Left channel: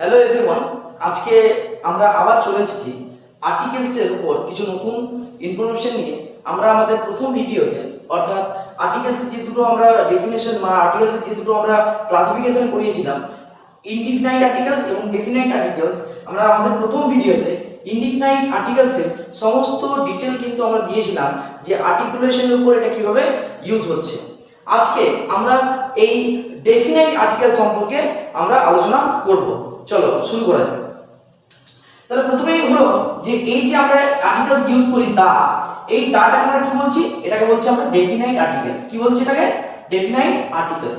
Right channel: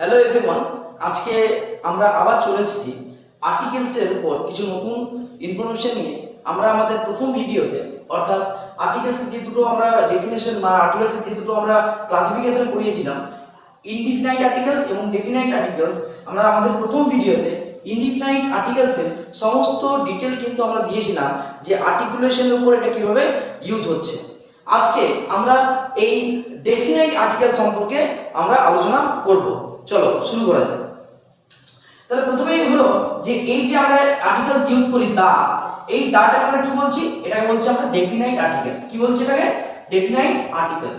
Hello everyone, আজকে আমরা আবার চলে এসেছি আর্টিকেলসের উপর কিছু নতুন ইনফরমেশন নিয়ে। আমরা আমাদের প্রথম ভিডিওতে, অর্থাৎ আর্টিকেলসের যে দুটো আমরা ডেফিনেশন বা আর্টিকেলসের যে দুটো আমরা ক্লাসিফিকেশন করিয়েছিলাম, ইনডিফিনাইট আর্টিকেলস এবং ডেফিনাইট আর্টিকেলস, আমরা আমাদের প্রথম ভিডিওতে ইনডিফিনাইট আর্টিকেলসের সমস্ত ডিটেল কিন্তু আমরা দিয়েছিলাম যে আর্টিকুলেশনের উপর এটা কিভাবে ইউজ হচ্ছে। আজকে আমরা এই ডেফিনাইট আর্টিকেল সম্পর্কে আমরা আলোচনা করব। চলো শুরু করা যাক। তাহলে প্রথমেই হলো যে এই যে আমরা আর্টিকেলস ইউজ করি এই দাটাকে আমরা কি বলছি? এটাকে বলছি আমরা ডেফিনাইট আর্টিকেল। কি বলছি এটাকে? Definite article.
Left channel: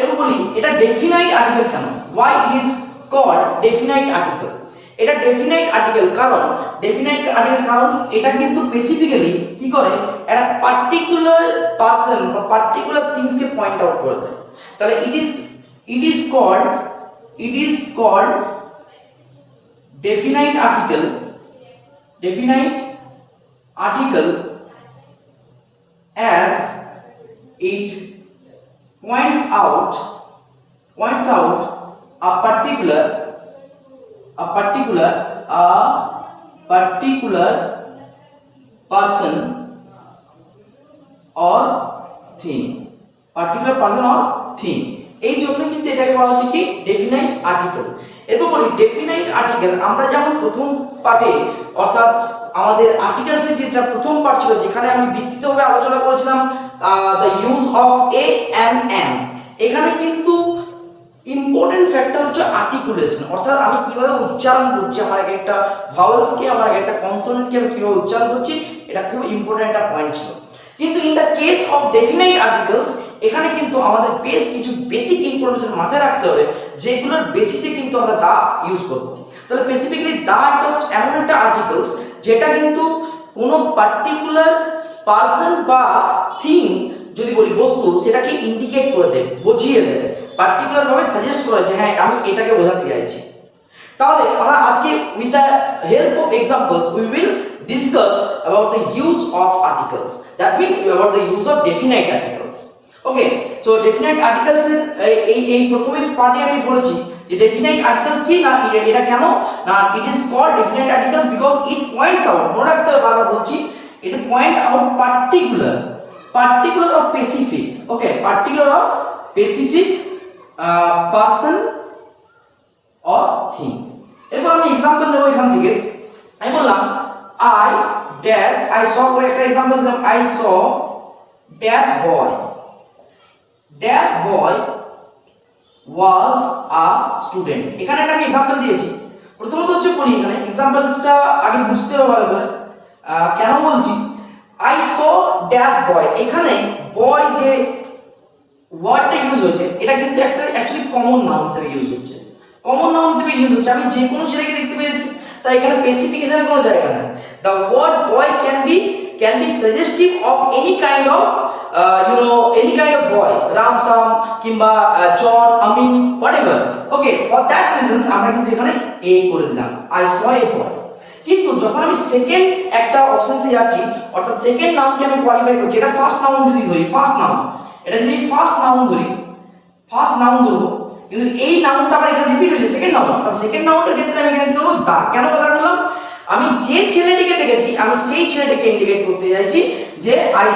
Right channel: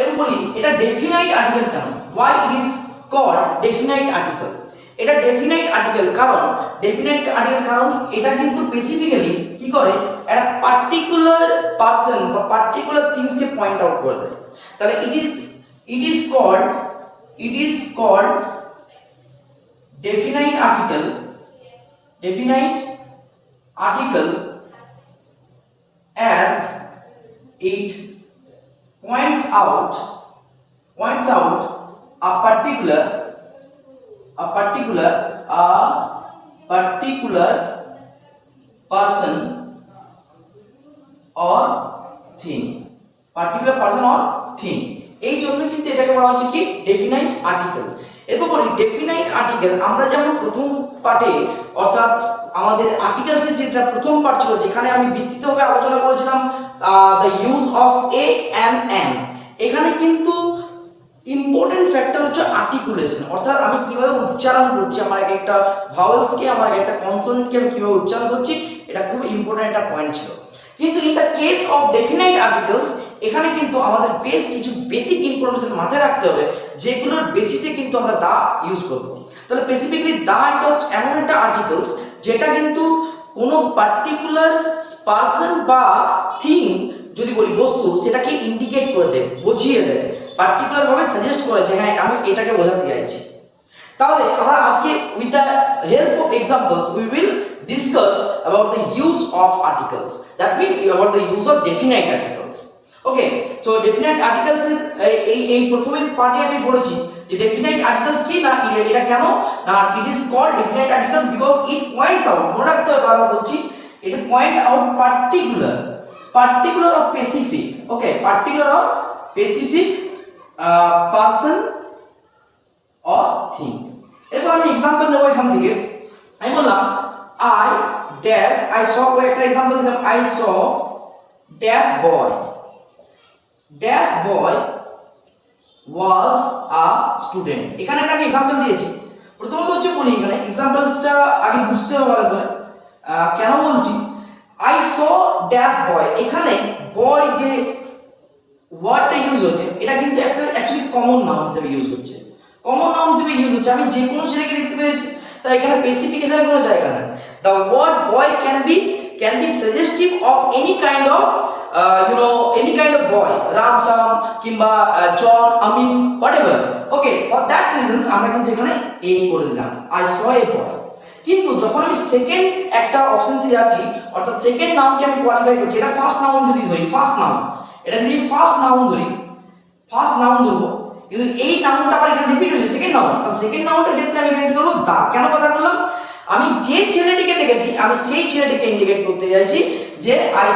এবং বলি এটা ডেফিনাইট আর্টিকেল কেন? why it is called definite article? এটা ডেফিনাইট আর্টিকেল কারণ এটা কিন্তু স্পেসিফিক্যালি কি করে, একটা পার্টিকুলার পারসন বা পার্টিকুলার থিংস কে পয়েন্ট আউট করে দেয়। তাহলে it is called definite article as it points out a particular person or thing, এই জন্য কিন্তু এটাকে বলা হচ্ছে কি ডেফিনাইট আর্টিকেল। এরপর বলি ডেফিনাইট আর্টিকেল আমরা যেমন প্রথম পার্টে, অর্থাৎ আমাদের আর্টিকেলসের যেটা প্রথম পার্ট ছিল যেখানে আমি বিস্তৃতভাবে আলোচনা করেছিলাম the use of A and an, এখানে কিন্তু ইম্পর্টেন্ট ফ্যাক্টর হচ্ছে আর্টিকুলেশন, অর্থাৎ আমি কিভাবে উচ্চারণ করছি, আমার এক একটা ভাওয়েলসকে, আমার এক একটা কনসোনেন্টকে আমি কিভাবে উচ্চারণ করছি, এটা খুব ইম্পর্টেন্ট একটা পয়েন্ট ছিল। কিন্তু in the case of definite articles এখানে কিন্তু আমাদের বেশ কিছু বেসিক ইনফরমেশন মাথায় রাখতে হবে, যেগুলোর বেসিসে কিন্তু আমরা দা ইউজ করব। তাহলে বেসিক্যালি দা একটা এমন একটা আর্টিকেলস যেটা কিন্তু কোনো পার্টিকুলার পারসন বা থিং, যদি বলি বস্তু, সেটাকে ইন্ডিকেট করে দেয়, বুঝিয়ে দেয়, পার্টিকুলার ভাবে সাজেস্ট করে যে হ্যাঁ আমি এটাকে বোঝাতে চাইছি। তাহলে আমরা আজকে with the help of examples we will discuss about the use of articles, that mean about the use of definite articles. Okay, so definite articles এর এই প্রথমেই পার্টে আমি বলেছি যে ডেফিনাইট আর্টিকেলস কি না, এটা কেন না, it is called definite articles because it points out, মনে রাখতে হবে বারবার বলছি, এটা point out particular or specific, okay, particular or specific person or thing. এরপর আমি এক্সাম্পল নেব এখান থেকে। আমি বললাম আই স করে একটা এক্সাম্পল দিলাম, I saw dash boy was a student. এখানে একটা আমি এক্সাম্পল দিয়েছি। প্রথমত হচ্ছে বলি এখানে এক্সাম্পলসটা আগে বুঝতে হবে ভালো করে কেন বলছি। আই স ড্যাশ বয়, এখানে বয় যে ওয়ার্ডটা ইউজ হচ্ছে এটা কিন্তু একটা অ্যাকচুয়ালি কমন নাউন হিসেবে ইউজ হচ্ছে, আমি যে কোনো ছেলেকে দেখতে পেয়েছি, তাই এখানে স্পেসিফিকেশনের কোনো জায়গা নেই। The word boy can be suggestive of any kind of boy, Ram Sam কিংবা John Amit whatever. Okay, for that reason আমরা কিন্তু এখানে এ করে দিলাম, আই স এ বয়। কিন্তু যখন আমি সেকেন্ড একটা অপশনতে যাচ্ছি, অর্থাৎ সেকেন্ড নাউনকে আমি কোয়ালিফাই করছি, এটা ফার্স্ট নাউন যদি ধরি, ফার্স্ট নাউন ধরবো, কিন্তু এই নাউনটা আবার এখানে রিপিট হয়েছে, সেকেন্ড নাউন। তাহলে সেকেন্ড নাউনটার ক্ষেত্রে আমি এখানে কি করবো? দা। কেন কথা বললাম? আমি যে ছেলেটিকে দেখেছি, আমি সেই ছেলেটিকে ইন্ডিকেট করতে চাইছি যে I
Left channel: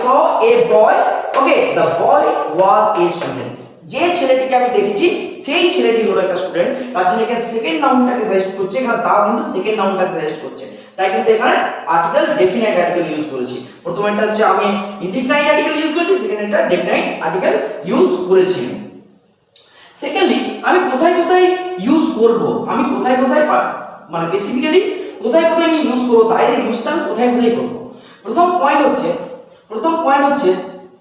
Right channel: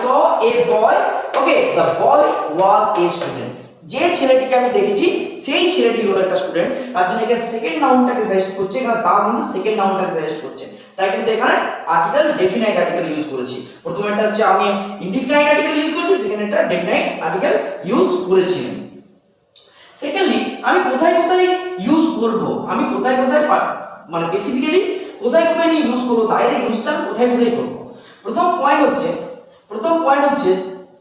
saw A boy, okay, the boy was a student. যে ছেলেটিকে আমি দেখেছি সেই ছেলেটি হলো একটা স্টুডেন্ট, তার জন্য এখানে সেকেন্ড নাউনটাকে সাজেস্ট করছে, এখানে দা কিন্তু সেকেন্ড নাউনটাকে সাজেস্ট করছে, তাই কিন্তু এখানে আর্টিকেল ডেফিনাইট আর্টিকেল ইউজ করেছি। প্রথমেরটা হচ্ছে আমি ইনডিফিনাইট আর্টিকেল ইউজ করেছি, সেকেন্ডটা ডেফিনাইট আর্টিকেল ইউজ করেছি। সেকেন্ডলি আমি কোথায় ইউজ করব, আমি কোথায় মানে বেসিক্যালি কোথায় আমি ইউজ করব, দায়ের ইউজটা আমি কোথায় করব। প্রথম পয়েন্ট হচ্ছে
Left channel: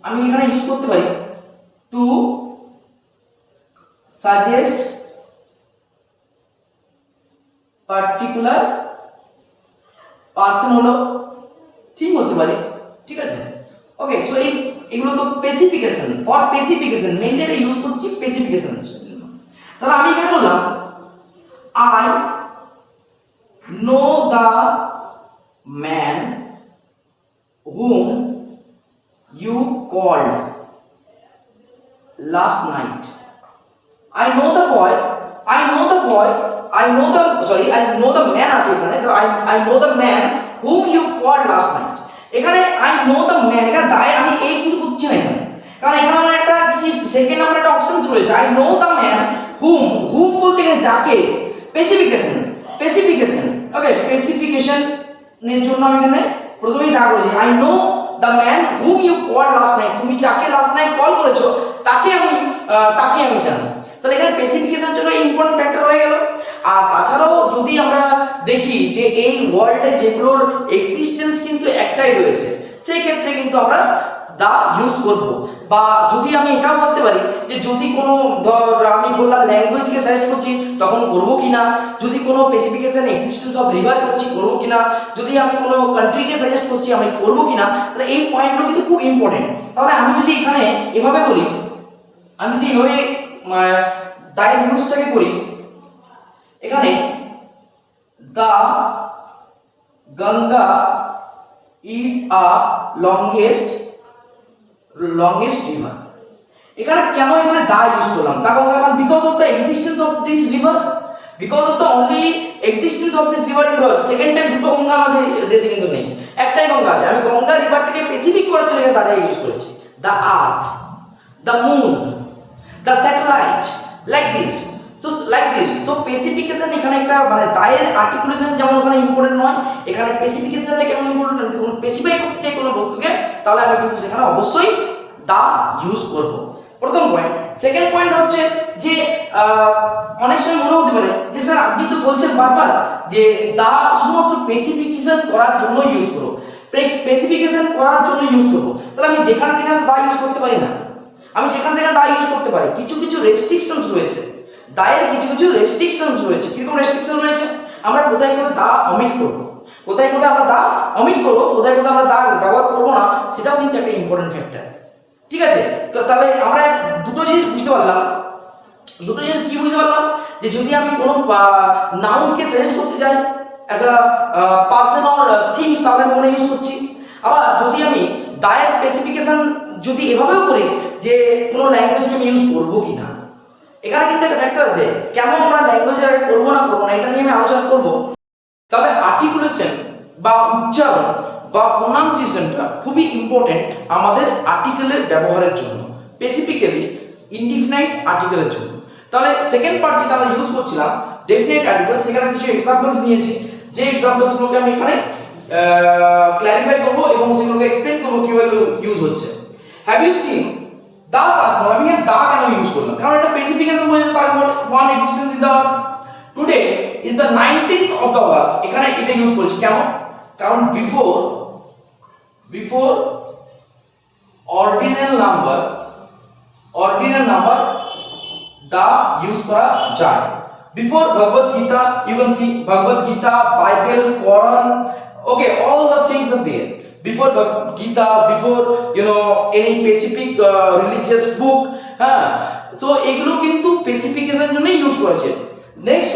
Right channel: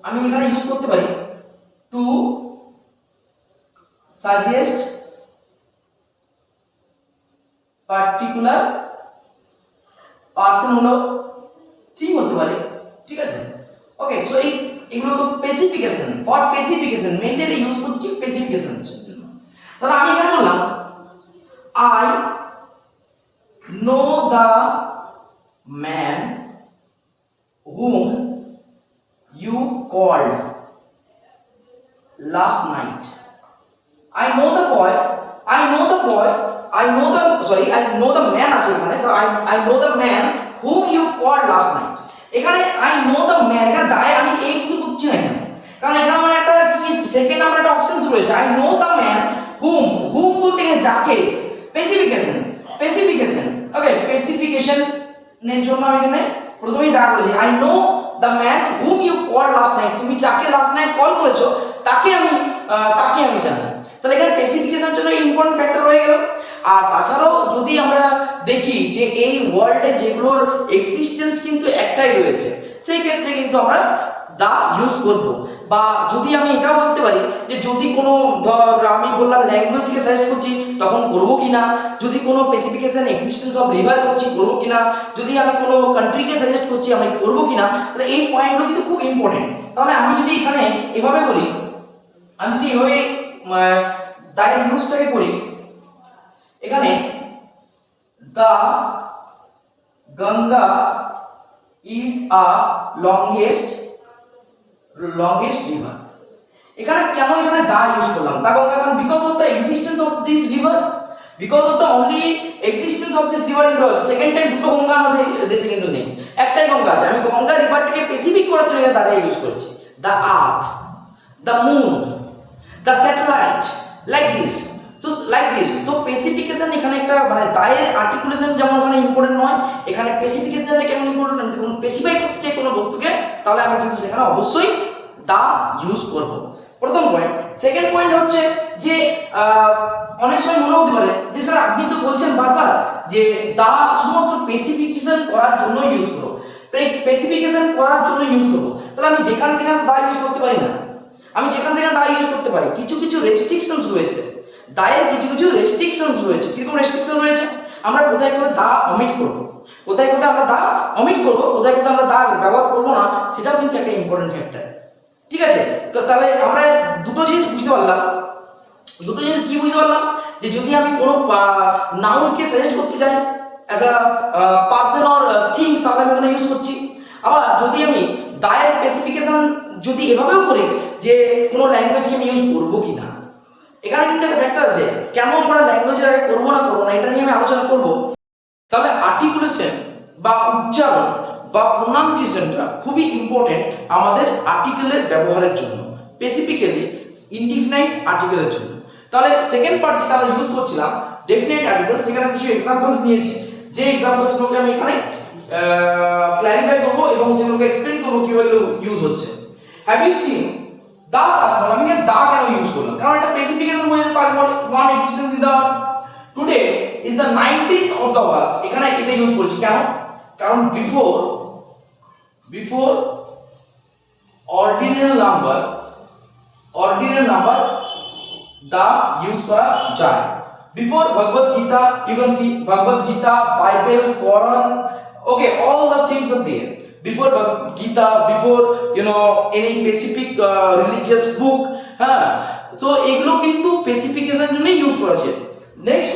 আমি এখানে ইউজ করতে পারি টু সাজেস্ট পার্টিকুলার পারসন, হলো ঠিক হতে পারে, ঠিক আছে। ওকে, সো এগুলো তো স্পেসিফিকেশন, ফর স্পেসিফিকেশন মেইনলি এটা ইউজ করছি স্পেসিফিকেশন। তাহলে আমি এখানে বললাম I know the man whom you called last night. I know the boy I know the man আছে এখানে, তো I know the man whom you called last night। এখানে I know the man, এখানে দায় আমি এই কিন্তু করছি না এখানে, কারণ এখানে আমার একটা কি সেকেন্ড আমার একটা অপশনস রয়েছে। I know the man whom বলতে গেলে যাকে, স্পেসিফিকেশন ওকে, স্পেসিফিকেশন এর জন্য আমি এখানে প্রথমেই দা করেছি I know the man whom you called last night, তুমি যাকে লাস্ট নাইট কল করেছো তাকে আমি জানি। তাহলে এখানে স্পেসিফিকেশনের জন্য ইম্পর্টেন্ট ফ্যাক্টর হয়ে গেল। আর তাছাড়াও যদি আমরা দেখি যে এই ওয়ার্ল্ডে যেগুলোর এক্সিস্টেন্স কিন্তু একটাই রয়েছে, সেই ক্ষেত্রে কিন্তু আমরা দা ইউজ করব। বা যদি আমি এটাও বলতে পারি যে যদি কোনো আমি বললাম ল্যাঙ্গুয়েজকে সাজেস্ট করছি তখন করব কি না, যদি কোনো স্পেসিফিকেশন এক্সিস্টেন্স অফ রিভার করছি করব কি না, যদি আমি কোনো কান্ট্রিকে সাজেস্ট করছি আমি করব কি না, তাহলে এই পয়েন্টগুলো কিন্তু খুব ইম্পর্টেন্ট। তাহলে আমি যদি এখানে এভাবে বলি, আমি যদি এভাবে দায়ের ইউজটাকে করি, এখানে the Ganga is a longest river. এখানে কেন এখানে দা ইউজ করলাম, দা গঙ্গা, কারণ because of the existence of this river, because of the only existence of this river in the world. Second time দুটো গঙ্গা আমাদের দেশে কিন্তু নেই, একটাই গঙ্গা আছে। আমি গঙ্গা রিভারটাকে স্পেসিফিক করার জন্য দাদা ইউজ করেছি। The earth, the moon, the satellite, like this. So specification এখানে একটা মানে দায়ের আর্টিকুলেশন যেমন ওখানে ইম্পর্টেন্ট নয়, এখানে স্পেসিফিকেশনটা কেমন ইম্পর্টেন্ট, আমি যদি স্পেসিফাই করতে চাই কোনো বস্তুকে তাহলে আমি কিন্তু সেখানে অবশ্যই দা ইউজ করব। প্রথম পয়েন্ট। সেকেন্ড পয়েন্ট হচ্ছে যে অনেক সময় মনে হতে পারে যে স্যার আপনি তো বলছেন বারবার যে দা শুধুমাত্র স্পেসিফিকেশন করার জন্য ইউজ করো, স্পেসিফিকেশন করার জন্য ইউজ করবো, তাহলে আমি যেখানে সেখানে তো দা ইউজ করতে পারি না। আমি যেখানে সেখানে দা ইউজ করতে পারি, কিছু রেস্ট্রিকশনস রয়েছে, দায়ের কিছু রেস্ট্রিকশনস রয়েছে। কিরকম রেস্ট্রিকশন রয়েছে, আমরা কোথায় দা অমিট করব, কোথায় আমরা দা অমিট করব, কোথায় আমরা দা ব্যবহার করব না, সেটাও কিন্তু একটা ইম্পর্টেন্ট ফ্যাক্টর। ঠিক আছে, তো তাহলে আমরা দুটো জিনিস বুঝতে পারলাম। দুটো জিনিস কি বুঝতে পারলাম, যে যদি আমি কোনো নাউনকে সাজেস্ট করতে চাই as a person or things, তাহলে আমি ওখানে ইউজ করছি। আবার যদি আমি দায়ের স্পেসিফিকেশন যদি এভাবেও করি যে কোনো ল্যাঙ্গুয়েজকে আমি ইউজ করবো কি না, এখানে কিন্তু একটা ফ্যাক্টর আছে কেন আমরা ল্যাঙ্গুয়েজের আগে করবো না এটা নিয়ে আমি আলোচনা করব। তাহলে আর্টিকুলেশন বা উচ্চারণ বা প্রোনাউন্সিয়েশনটা খুবই ইম্পর্টেন্ট আমাদের আর্টিকেলের ব্যবহারের জন্য, স্পেসিফিক্যালি ইনডিফিনাইট আর্টিকেলের জন্য। তাহলে সেকেন্ড পার্ট যেটা আমরা ইউজ করছিলাম ডেফিনাইট আর্টিকেল, সেখানে কিছু এক্সাম্পলস নিয়েছি, যে এক্সাম্পলসগুলোকে আমি এখানে ক্ল্যারিফাই করব এবং সেগুলোকে এক্সপ্লেন করব কিভাবে ইউজ হচ্ছে। হ্যাভ ইউ সিন দা তাজমহল? আমি এখানে দা কেন ইউজ করলাম, কারণ এটা স্পেসিফিকেশন বোঝাচ্ছে Taj Mahal one existence in the today is the 19th of the August। এখানে এটা ইউজ করেছি কেন, কারণ before ordinal number the use করা যায়। Before Bhagavad Gita, you can see Bhagavad Gita, Bible, Quran, okay, all the things are there. Before Gita, before any specific religious book, হ্যাঁ, so এগুলো কিন্তু স্পেসিফিকেশন জন্য ইউজ করা যায়। নেক্সট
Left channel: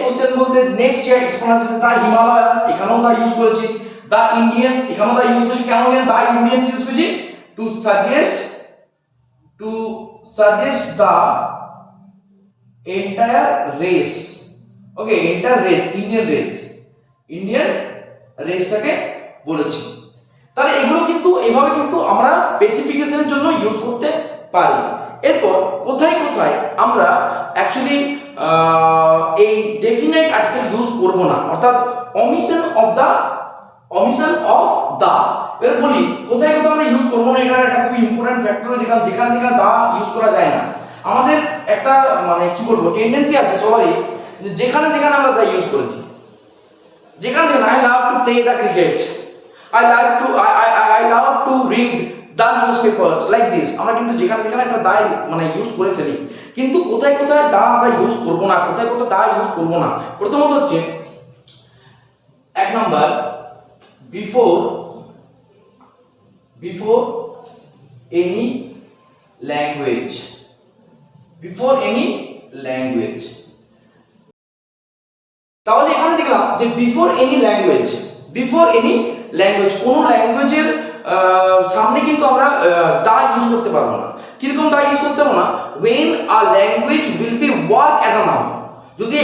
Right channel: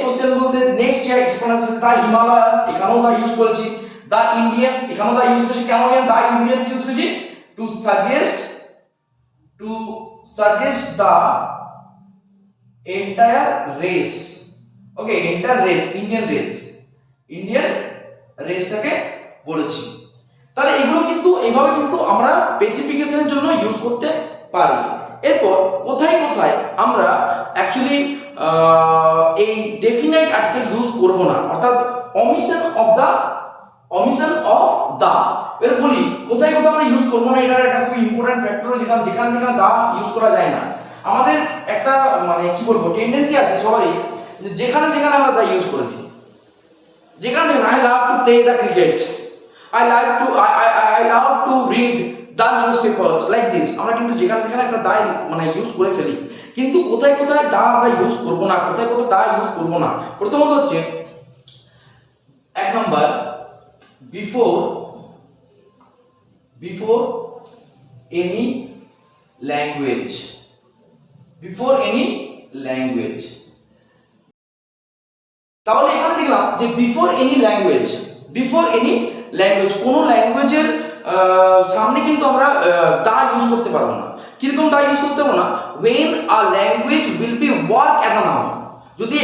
কোশ্চেন বলতে next যে এক্সপ্লেনেশন, দা হিমালয়াস, এখানেও দা ইউজ করেছি। দা ইন্ডিয়ান্স, এখানেও দা ইউজ করেছি। কেন দা ইন্ডিয়ান্স ইউজ করেছি? To suggest the entire race, okay, entire race, Indian রেসটাকে বলেছি। তাহলে এগুলো কিন্তু এভাবে কিন্তু আমরা স্পেসিফিকেশনের জন্য ইউজ করতে পারি। এরপর কোথায় আমরা অ্যাকচুয়ালি এই ডেফিনাইট আর্টিকেল ইউজ করব না, অর্থাৎ অমিশন অফ দা। এর বলি কোথায় আমরা ইউজ করব না, এটা একটা খুব ইম্পর্টেন্ট ফ্যাক্টর। যেখানে দা ইউজ করা যায় না, আমাদের একটা মানে কি বলবো টেন্ডেন্সি আছে সবারই, যেখানে আমরা দা ইউজ করেছি, যেখানে I love to play the cricket, I love to read the newspapers like this। আমরা কিন্তু যেখানে একটা দা মানে ইউজ করে ফেলি, কিন্তু কোথায় দা আমরা ইউজ করব না, কোথায় দা ইউজ করব না। প্রথমত হচ্ছে এক নাম্বার বিফোর এনি ল্যাঙ্গুয়েজ, তাহলে এখানে দেখলাম যে বিফোর এনি ল্যাঙ্গুয়েজ, কোনো ল্যাঙ্গুয়েজের সামনে কিন্তু আমরা দা ইউজ করতে পারবো না। কিরকম দা ইউজ করতে পারবো না? when a language will be work as a noun, যদি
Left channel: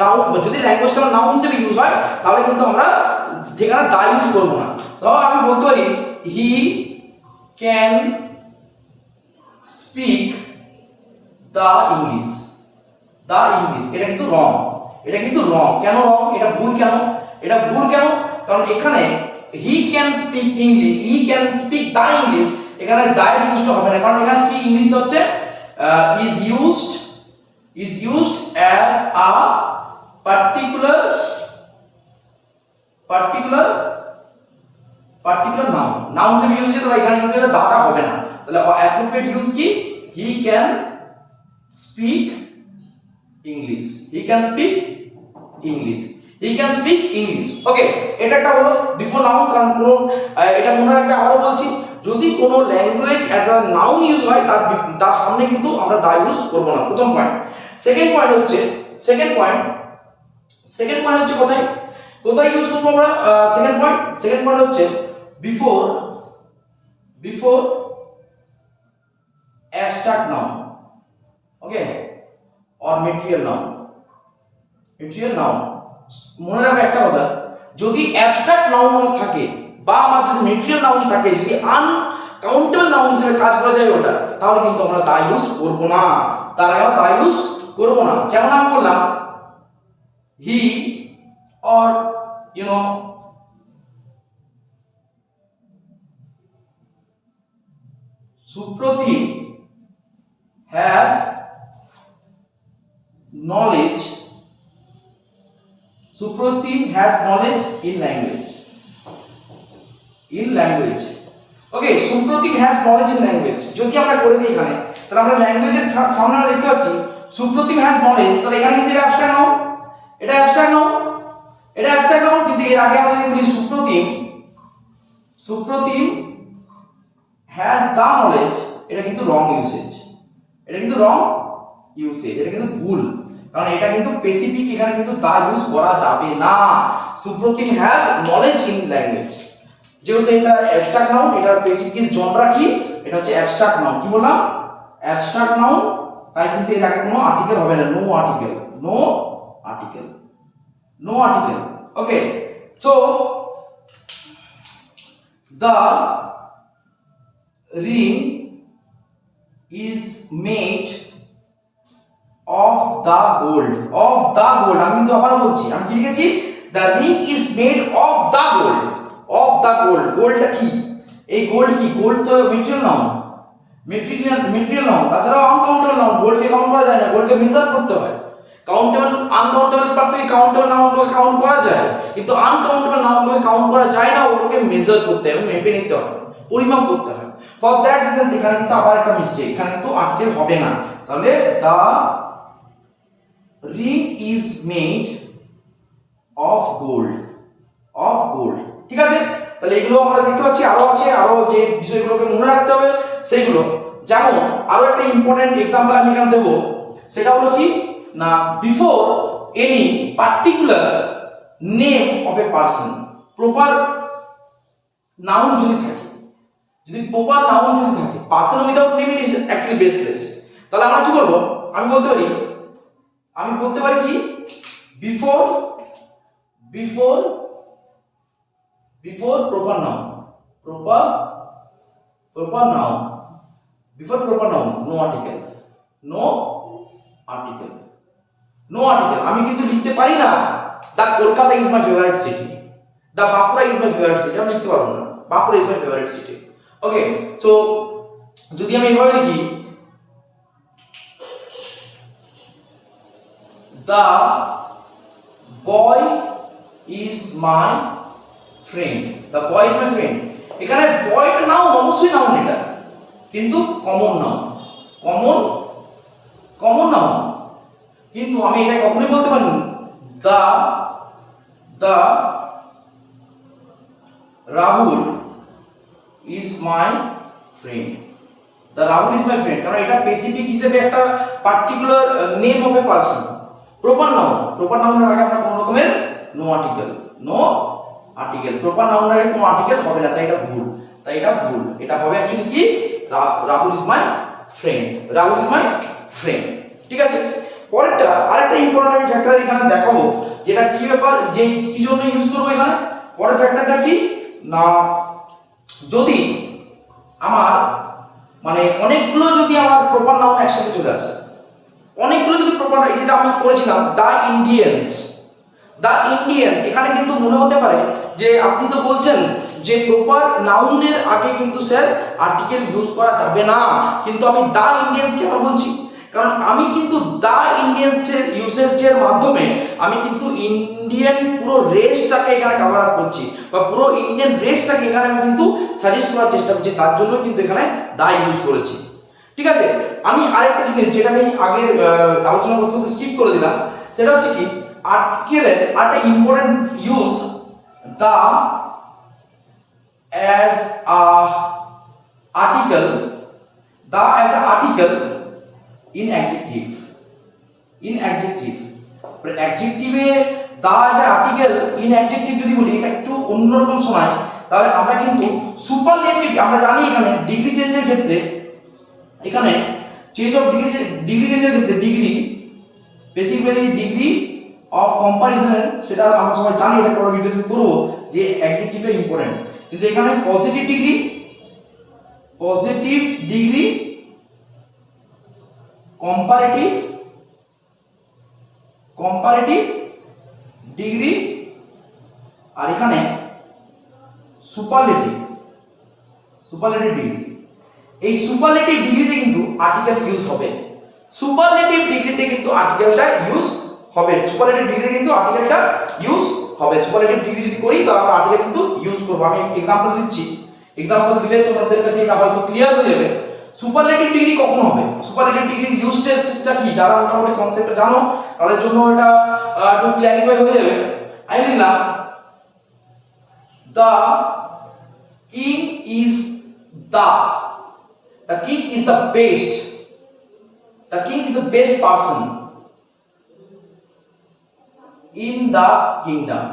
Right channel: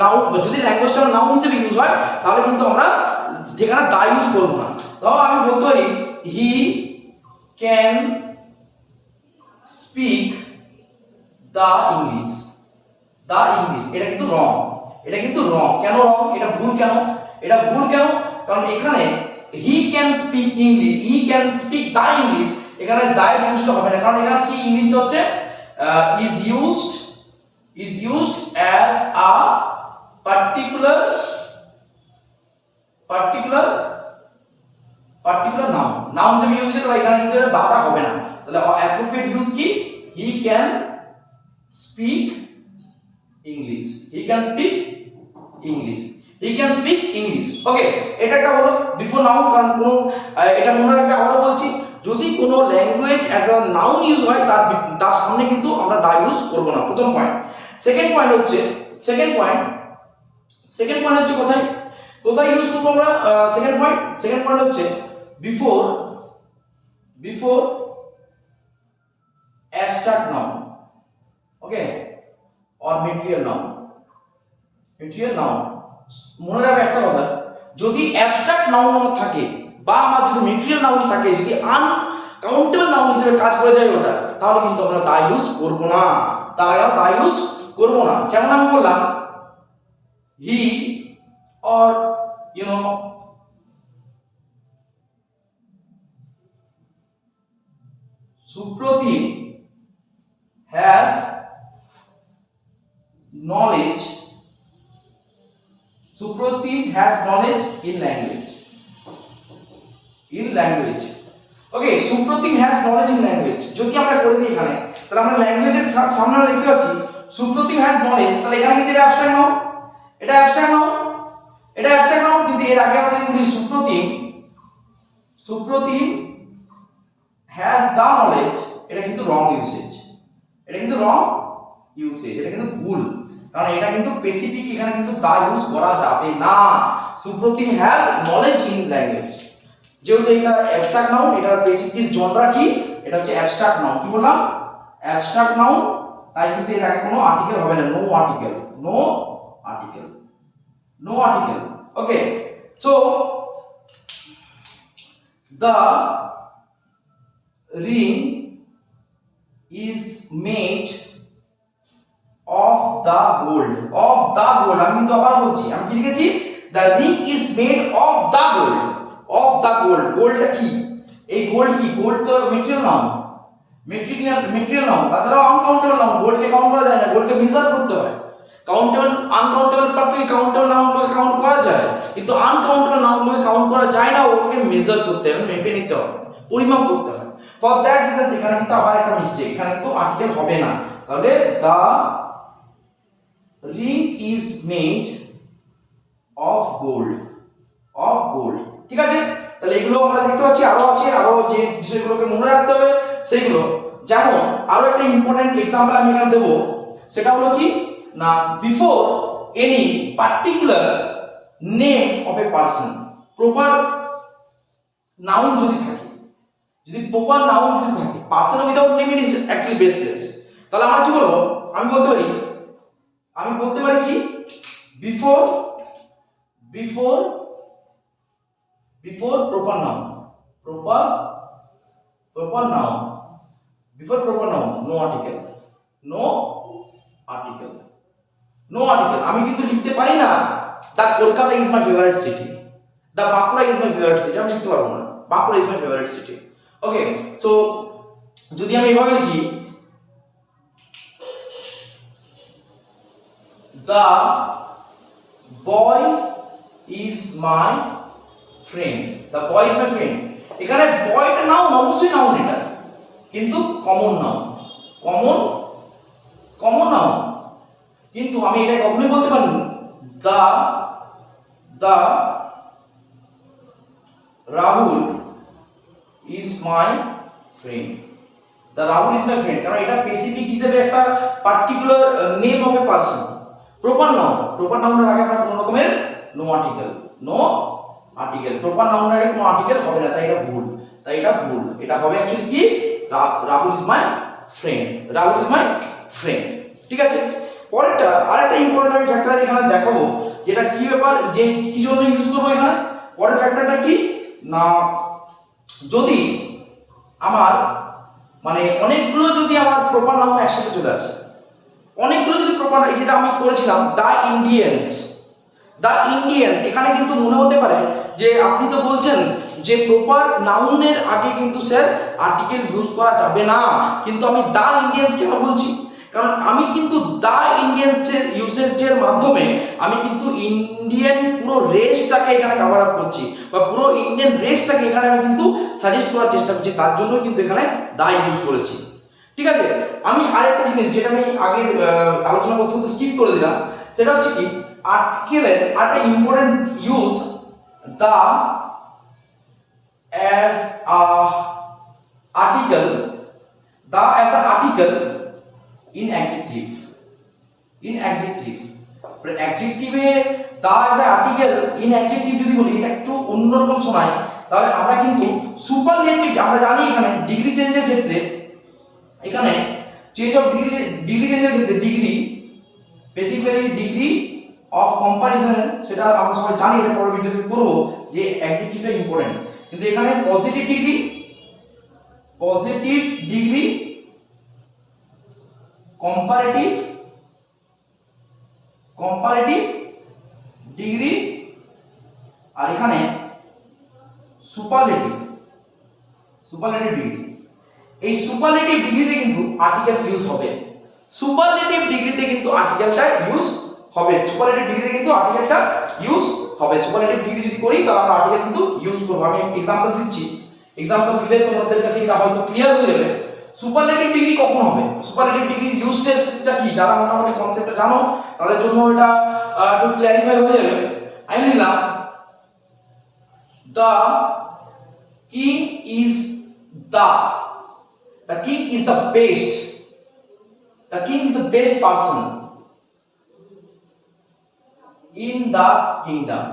নাউন, যদি ল্যাঙ্গুয়েজটা নাউন হিসেবে ইউজ হয় তাহলে কিন্তু আমরা যেখানে দা ইউজ করব না। তাও আমি বলতে পারি he can speak the English, the English. এটা কিন্তু রং, এটা কিন্তু রং। কেন রং? এটা ভুল কেন? এটা ভুল কেন? কারণ এখানে he can speak English, he can speak the English, এখানে দা ইউজটা হবে না। কারণ এখানে কি ইংলিশটা হচ্ছে is used as a particular noun, noun হিসেবে ইউজ হচ্ছে। তাহলে এখানে কিন্তু এটা দাটা হবে না। তাহলে অ্যাপ্রোপ্রিয়েট ইউজ কি? He can speak English, he can speak English, he can speak English. Okay, এটা একটা হলো বিফোর নাউন। কারণ কোনো এটা মনে রাখবে, আবারও বলছি, যদি কোনো language as a noun use হয় তার সামনে কিন্তু আমরা দা ইউজ করব না, প্রথম পয়েন্ট। সেকেন্ড পয়েন্ট হচ্ছে কোথায় ইউজ করব আমরা? সেকেন্ড পয়েন্ট হচ্ছে before abstract noun, okay, or material noun. মনে রাখবে একটা কথা, যদি অ্যাবস্ট্রাক্ট নাউন থাকে বা আমার যদি মেটেরিয়াল নাউন থাকে, যদি আনকাউন্টেবল নাউন হিসেবে কাজ করে যায় ওটা, তাহলে কিন্তু আমরা দা ইউজ করব না, যেমন আমি বললাম he or Supratim has knowledge in language. Okay, Supratim has knowledge in language. যদি আমরা করে দিই এখানে, তাহলে আমরা ল্যাঙ্গুয়েজের সামনে আমরা দেখতে পাচ্ছি Supratim has knowledge, তাহলে এখানে কিন্তু এটা অ্যাবস্ট্রাক্ট নাউন, কিন্তু এর আগে আমরা যদি বলি Supratim has the knowledge, এটা কিন্তু রং ইউসেজ, এটা কিন্তু ভুল। কারণ এটা কিন্তু স্পেসিফিক, এখানে কিন্তু দা ইউজ করা যাবে না। Supratim has knowledge in language, যেহেতু এটা অ্যাবস্ট্রাক্ট নাউন, এটার বেসিক জনরা কি? এটা হচ্ছে অ্যাবস্ট্রাক্ট নাউন। কি বললাম? অ্যাবস্ট্রাক্ট নাউন, তাই কিন্তু এর আগে কোনো আর্টিকেল হবে না, no article. Okay, so the ring is made of the gold. আমি কিন্তু আবার বলছি, আমি কি লিখেছি? the ring is made of the gold. গোল্ডটা কি? এই গোল্ড কি? গোল্ড তো মেটেরিয়াল নাউন, তাছাড়াও আনকাউন্টেবল নাউন। গোল্ডকে কাউন্ট করা যায় না, গোল্ডকে মেজার করতে হয়। আনকাউন্টেবল পার্থক্য কাউন্টেবল নাউনগুলোকে কাউন্ট করা যায়, কিন্তু আনকাউন্টেবল নাউনগুলোকে কাউন্ট করা যায় না, ওগুলোকে মেজার করতে হয়, মেপে নিতে হয়, পরিমাপ করতে হয়। ফর দ্যাট রিজন এখানে কিন্তু আবার একটা মিস্টেক, এখানে কিন্তু আর্টিকেল হবে না। তাহলে the ring is made of gold, ঠিক আছে? তাহলে এগুলো আমরা দেখতে পাচ্ছি, আরো আছে, আরো যে বিষয়গুলোকে মনে রাখতে হবে সেইগুলো। যেমন আরো একটা ইম্পর্টেন্ট এক্সাম্পল আমি এখানে দেব, সেটা হলো কি না, before any particular name of a person, proper noun যদি থাকে, person without name is actually baseless, তাহলে আমরা কি বলবো? আমি বলতে পারি কি, before proper noun, no article, আমি কিন্তু লিখতে পারি না the Kolkata is my favourite city, the Bankura is my favourite city, আমি লিখতে পারবো না Bankura is my favourite city. Okay, so যদি আমি এভাবে লিখি, দা বয় ইজ মাই ফ্রেন্ড, এখানে বয়টা নাউন, অবশ্যই নাউন, এটা কিন্তু কমন নাউন, কিন্তু আমি এটা কখনোই বলতে পারি না দা রাহুল ইজ মাই ফ্রেন্ড, কারণ এটা স্পেসিফিক হিসেবে একটা particular name of a person. Proper নাউনের আগে আমরা কোন রকমের নো আর্টিকেল, প্রপার নাউনের আগে কোনো আর্টিকেল হবে না, তাই এটা ভুল। এটা হবে অ্যাকচুয়ালি কি, রাহুল ইজ মাই ফ্রেন্ড, ঠিক আছে? পরেরটা আরেকটা ইম্পর্টেন্ট আমি ফ্যাক্টর এখানে দেখাবো, যেটা কি ব্যাপার, যে কি জন্য ইউজ করবো এখানে। পরের ফ্যাক্টরটা কি না, যদি আমার মানে অনেকগুলো যদি আমার প্রপার নাউন একসাথে চলে আসে, অনেকগুলো যদি প্রপার, যেটা আমি করেছিলাম দ্য ইন্ডিয়ান্স, এখানে কিন্তু মনে হতে পারে যে আপনি তো বলছেন যে প্রপার নাউনের আগে কিন্তু স্যার আর্টিকেল ইউজ করা যাবে না, কিন্তু আমি দ্য ইন্ডিয়ান্স কেন বলছি, কারণ আমি কিন্তু দ্য ইন্ডিয়ান্সের ইউসেজের মাধ্যমে আমি কিন্তু ইন্ডিয়ান পুরো রেসটাকে এখানে কভার আপ করছি, বা পুরো ইন্ডিয়ান রেসটাকে এখানে আমি কিন্তু সাজেস্ট করার চেষ্টা করছি, তার জন্য কিন্তু এখানে দ্য ইউজ করেছি। ঠিক আছে, আমি আরেকটা জিনিস যেটা আমি আগে আলোচনা করতে করতে স্কিপ করে দিলাম, সেটা হচ্ছে কি আর্টিকেলের একটা important use, the as a article, the as a article in adjective, অ্যাডজেক্টিভে the as a article in adjective যদি বলি, এটা একটু অন্যরকম শোনায়, তাহলে আমরা কিন্তু সুপারলেটিভ, আমরা জানি এখানে ডিগ্রি চেঞ্জের ক্ষেত্রে, এখানে চেঞ্জ অফ ডিগ্রি চেঞ্জের ক্ষেত্রে degree, basically degree of comparison, সেটা আমরা সবাই জানি, এটা পরের ভিডিওতে করব যে অ্যাডজেক্টিভটা ইম্পর্টেন্ট, কিন্তু এখানে পজিটিভ ডিগ্রি কম্পারেটিভ ডিগ্রি, আর এখানে সুপারলেটিভ ডিগ্রি। এই সুপারলেটিভ ডিগ্রিতে কিন্তু আর্টিকেল ইউজ হবে, সুপারলেটিভ ডিগ্রিতে কিন্তু আর্টিকেলটা ইউজ হবে, সুপারলেটিভ ডিগ্রিতে কিন্তু আর্টিকেলটা ইউজ হবে। সুপারলেটিভ ডিগ্রি যদি করি তাহলে আমরা আর্টিকেল কিন্তু ইউজ করব। আমি এক্সাম্পল দিচ্ছি, এক্সাম্পল দিলে তোমাদের কাছে এটা হয়তো ক্লিয়ার হয়ে যাবে। সুপারলেটিভ ডিগ্রি কখন হবে, সুপারলেটিভ ডিগ্রির ইউজটা কি, যারা মোটামুটি কনসেপ্টটা জানো তাদের জন্য এটা একটু ক্ল্যারিফাই হয়ে যাবে। আমি লিখলাম the king is the king is the best person in the kingdom.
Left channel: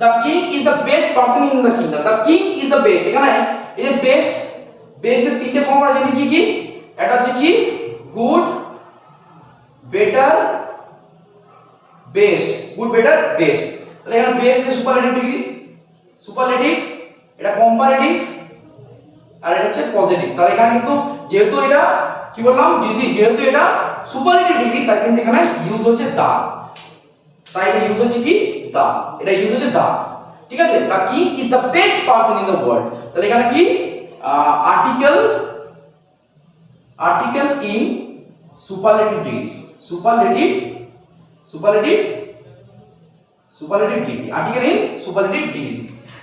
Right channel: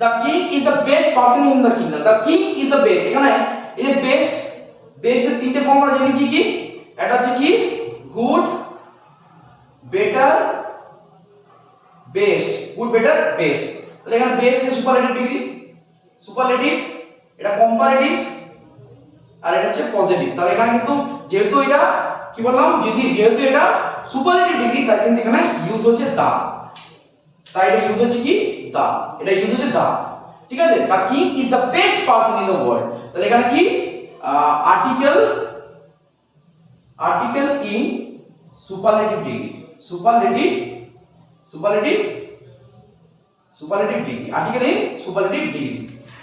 The king is the best person in the kingdom. The king is the best, এখানে এই যে বেস্ট এর তিনটে ফর্ম আমরা জানি কি, এটা হচ্ছে কি গুড, বেটার, বেস্ট, তাহলে এখানে বেস্ট এর সুপারলেটিভ ডিগ্রি, এটা কম্পারেটিভ, আর এটা হচ্ছে পজিটিভ। তাহলে এখানে কিন্তু যেহেতু এটা কি বললাম, যেহেতু এটা সুপারলেটিভ ডিগ্রি, তাই কিন্তু এখানে ইউজ হচ্ছে দা, তাই এটা ইউজ হচ্ছে কি দা, এটা ইউজ হচ্ছে দা। ঠিক আছে, the king is the best person in the world, তাহলে এখানে কি article in superlative degree, superlative degree, article in superlative degree.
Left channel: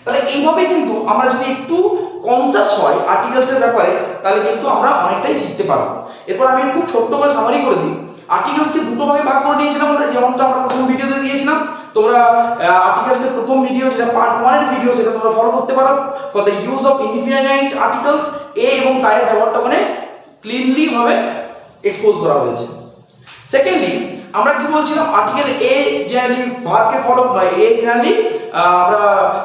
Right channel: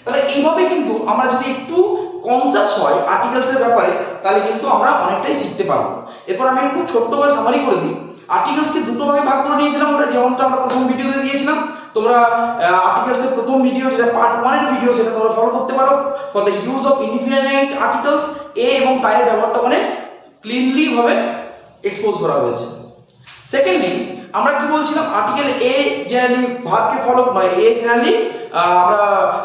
তাহলে এইভাবে কিন্তু আমরা যদি একটু কনসাস হয় আর্টিকেলসের ব্যাপারে, তাহলে কিন্তু আমরা অনেকটাই শিখতে পারবো। এরপর আমি খুব ছোট্ট করে সামারি করে দিই। আর্টিকেলসকে দুটো ভাগে ভাগ করে নিয়েছিলাম আমরা, যেমনটা আমরা প্রথম ভিডিওতে দিয়েছিলাম। তোমরা আর্টিকেলসের প্রথম ভিডিও, যেটা পার্ট 1 এর ভিডিও, সেটা তোমরা ফলো করতে পারো। For the use of indefinite articles, a এবং তাইয়ের ব্যবহারটা ওখানে ক্লিনলি ভাবে এক্সপোজ করা হয়েছে। সেকেন্ডলি আমরা কি বলছিলাম, article a generally ভার্বকে follow, A generally আমরা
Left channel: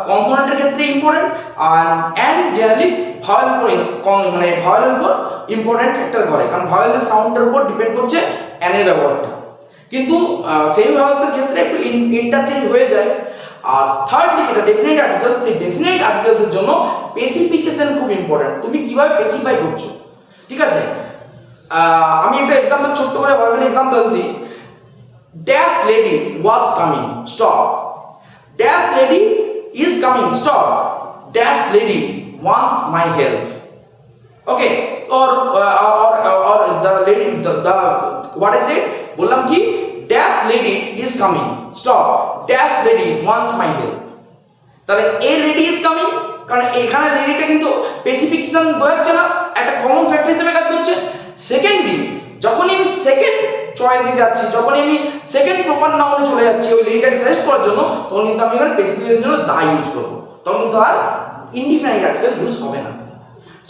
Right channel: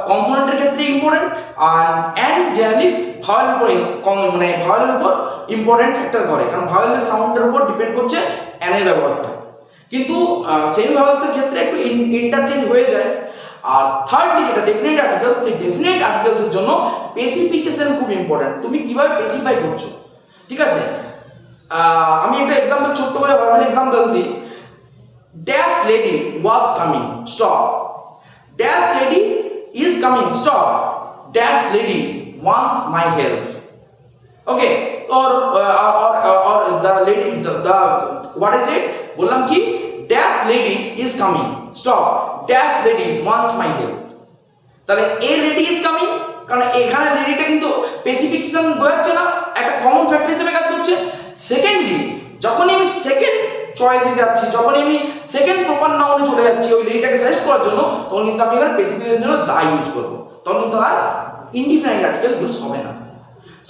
কনসোনেন্টের ক্ষেত্রে ইম্পর্টেন্ট, আর এন্ড জেনারেলি ভাওয়েলের উপর ইম্পর্টেন্ট ফ্যাক্টর করে, কারণ ভাওয়েলের সাউন্ডের উপর ডিপেন্ড করছে এন এর ব্যবহারটা। কিন্তু সেমি ভাওয়েলসের ক্ষেত্রে একটু ইন্টারচেঞ্জ হয়ে যায়। আর থার্ডলি যেটা ডেফিনেট আর্টিকেলস, সেই ডেফিনেট আর্টিকেলসের জন্য স্পেসিফিকেশন খুব ইম্পর্টেন্ট, তুমি কিভাবে স্পেসিফাই করছো। ঠিক আছে, আমি একটা এক্সাম্পল ছোট্ট করে ভার্বাল এক্সাম্পল দিই। Dash lady was coming, stop. Dash lady is coming, stop. Dash lady wants my help. Okay, or the lady, the what I said, বললাম কি dash lady is coming, stop. Dash lady wants my help. তাহলে a lady is coming, কারণ এখানে লেডিটা কিন্তু specification বোঝাচ্ছে না, একটা common factor হিসেবে কাজ করছে। সেকেন্ডলি যখনই আমি সেকেন্ড চয়েসে যাচ্ছি, যখনই আমি সেকেন্ড প্রপার নাউনে চলে যাচ্ছি ওই লেডিটাকে সাজেস্ট করার জন্য, তখন কিন্তু আমি এখানে স্পেসিফিকেশনের জন্য দা ইউজ করব, তখন কিন্তু আর ইনডিফিনাইট আর্টিকেল ইউজ হবে না।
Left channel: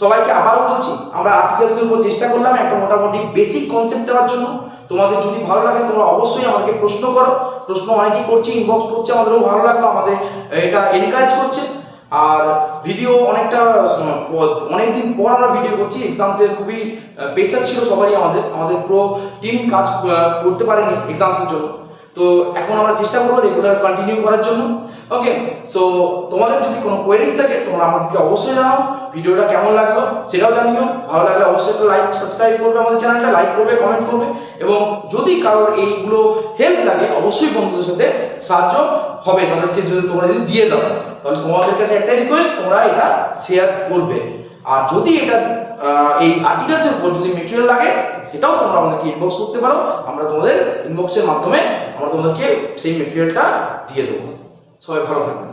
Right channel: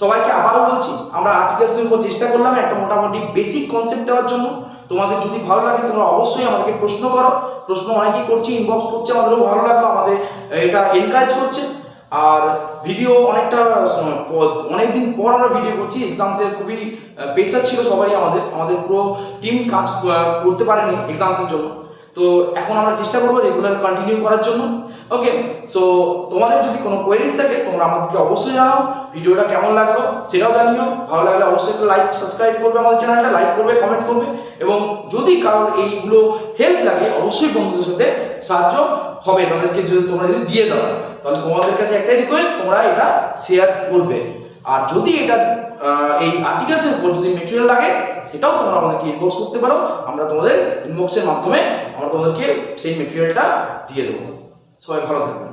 সবাইকে আবারও বলছি, আমরা আর্টিকেলসের উপর চেষ্টা করলাম একটা মোটামুটি বেসিক কনসেপ্ট দেওয়ার জন্য। তোমাদের যদি ভালো লাগে তোমরা অবশ্যই আমাদেরকে প্রশ্ন করো, প্রশ্ন অনেকেই করছে, ইনবক্স করছে, আমাদেরও ভালো লাগলো, আমাদের এটা এনকারেজ করছে। আর ভিডিও অনেকদিন পর আমরা ভিডিও করছি। এক্সামসের খুবই প্রেশার ছিল সবারই, আমাদের পুরো টিম কাজ করতে পারেনি এক্সামসের জন্য। তো এখন আমরা চেষ্টা করবো রেগুলার কন্টিনিউ করার জন্য। ওকে, সো তোমাদের যদি কোনো কোয়েরিজ থাকে তোমরা আমাদেরকে অবশ্যই জানাও। ভিডিওটা কেমন লাগলো সেটাও জানিও। ভালো লাগলে অবশ্যই একটা লাইক, সাবস্ক্রাইব করবে আমাদের চ্যানেলটা, লাইক করবে, কমেন্ট করবে। এবং যদি কারোর এইগুলো হেল্প লাগে অবশ্যই বন্ধুদের সাথে সাহায্য হবে তাদেরকে, যদি তোমরা যদি দিয়ে দাও তাহলে তোমাদের কাছে একটাই রিকোয়েস্ট, তোমরা এটা শেয়ার করবে। আর যদি এটা এই আর্টিকেলসের উপর যদি মেটেরিয়াল লাগে সেটাও তোমরা আমাদেরকে ইনবক্স করতে পারো। আমরা তোমাদের ইনবক্সের মাধ্যমে আমরা তোমাদেরকে সেই মেটেরিয়ালটা দিয়ে দেবো। সবাই ভালো থাকবেন।